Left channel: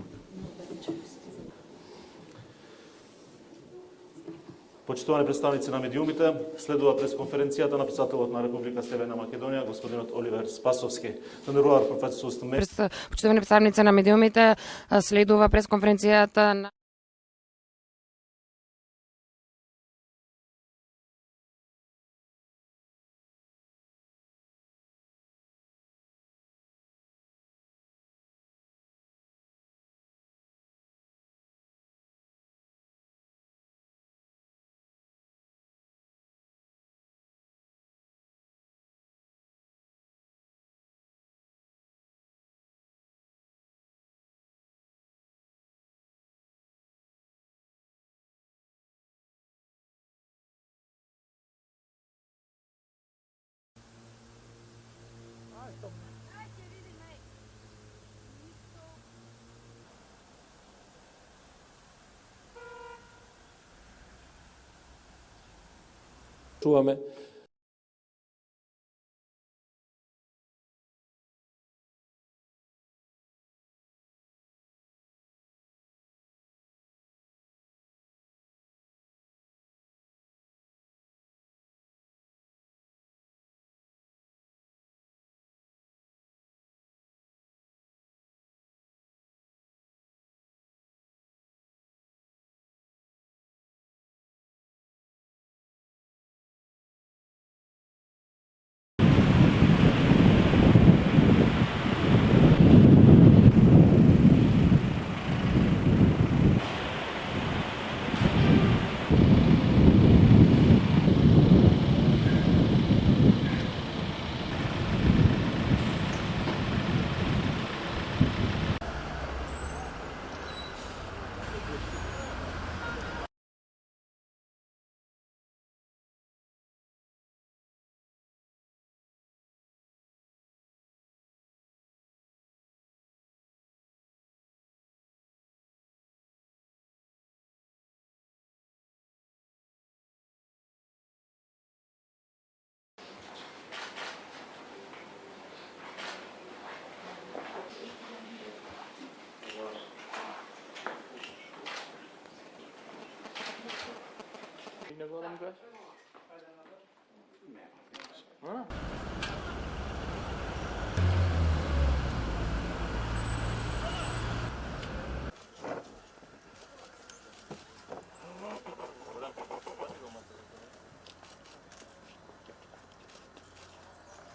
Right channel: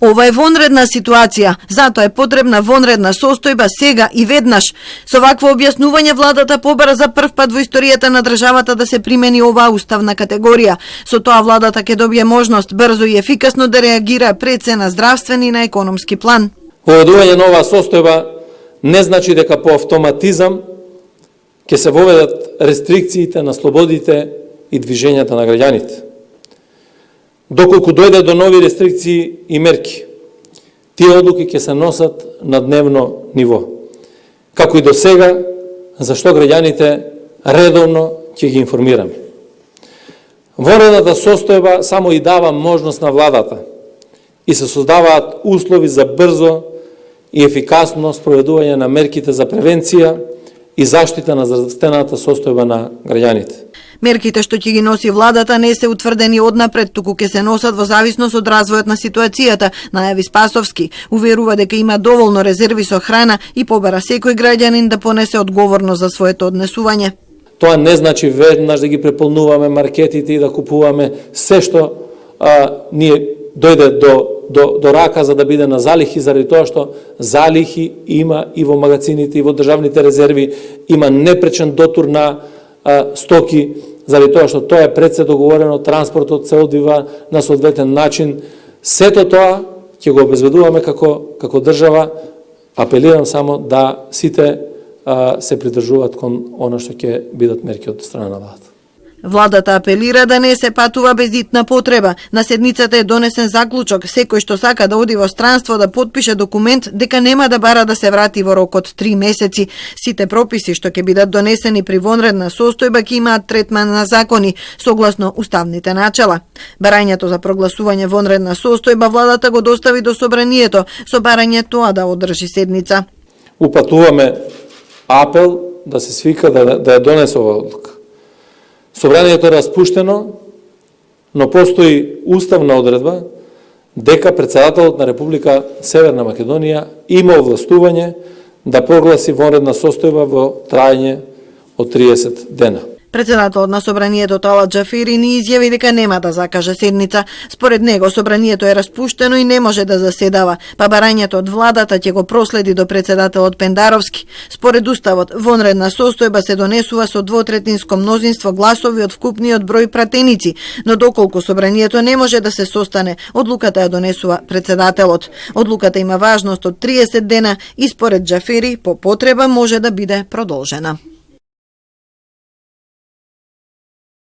Ова е вонредна ситуација, затоа е потребна вонредна состојба сега и веднаш. Со вакво објаснување владата побара за прв пат во историјата на државата да се примени оваа уставна категорија. Со тоа владата ќе добие можност брзо и ефикасно да реагира пред се на здравствен и на економски план. Воведување на оваа состојба не значи дека по автоматизам ќе се воведат рестрикциите на слободите и движењата на граѓаните. Доколку дојде до нови рестрикции и мерки, тие одлуки ќе се носат на дневно ниво. Како и до сега, зашто граѓаните редовно ќе ги информираме. Вонредната состојба само и дава можност на владата и се создаваат услови за брзо и ефикасно спроведување на мерките за превенција и заштита на здравствената состојба на граѓаните. Мерките што ќе ги носи владата не се утврдени однапред, туку ќе се носат во зависност од развојот на ситуацијата, најави Спасовски. Уверува дека има доволно резерви со храна и побара секој граѓанин да понесе одговорност за своето однесување. Тоа не значи веднаш да ги преполнуваме маркетите и да купуваме се што ние дојде до рака за да биде на залихи, заради тоа што залихи има и во магазините и во државните резерви, има непречен дотур на стоки, заради тоа што тоа е пред се договорено, транспортот се одвива на соодветен начин. Сето тоа ќе го обезбедуваме како држава. Апелирам само да сите се придржуваат кон она што ќе бидат мерки од страна на владата. Владата апелира да не се патува без итна потреба. На седницата е донесен заклучок, секој што сака да оди во странство да потпише документ дека нема да бара да се врати во рок од 3 месеци. Сите прописи што ќе бидат донесени при вонредна состојба ќе имаат третман на закони, согласно уставните начела. Барањето за прогласување вонредна состојба владата го достави до собранието, со барање тоа да одржи седница. Упатуваме апел да се свика да ја донесе ова одлука. Собранието е распуштено, но постои уставна одредба дека председателот на Република Северна Македонија има овластување да прогласи вонредна состојба во трајање од 30 дена. Председателот на собранието Талат Џафери ни изјави дека нема да закаже седница. Според него собранието е распуштено и не може да заседава, па барањето од владата ќе го проследи до председателот Пендаровски. Според уставот, вонредна состојба се донесува со двотретинско мнозинство гласови од вкупниот број пратеници, но доколку собранието не може да се состане, одлуката ја донесува председателот. Одлуката има важност од 30 дена и според Џафери по потреба може да биде продолжена.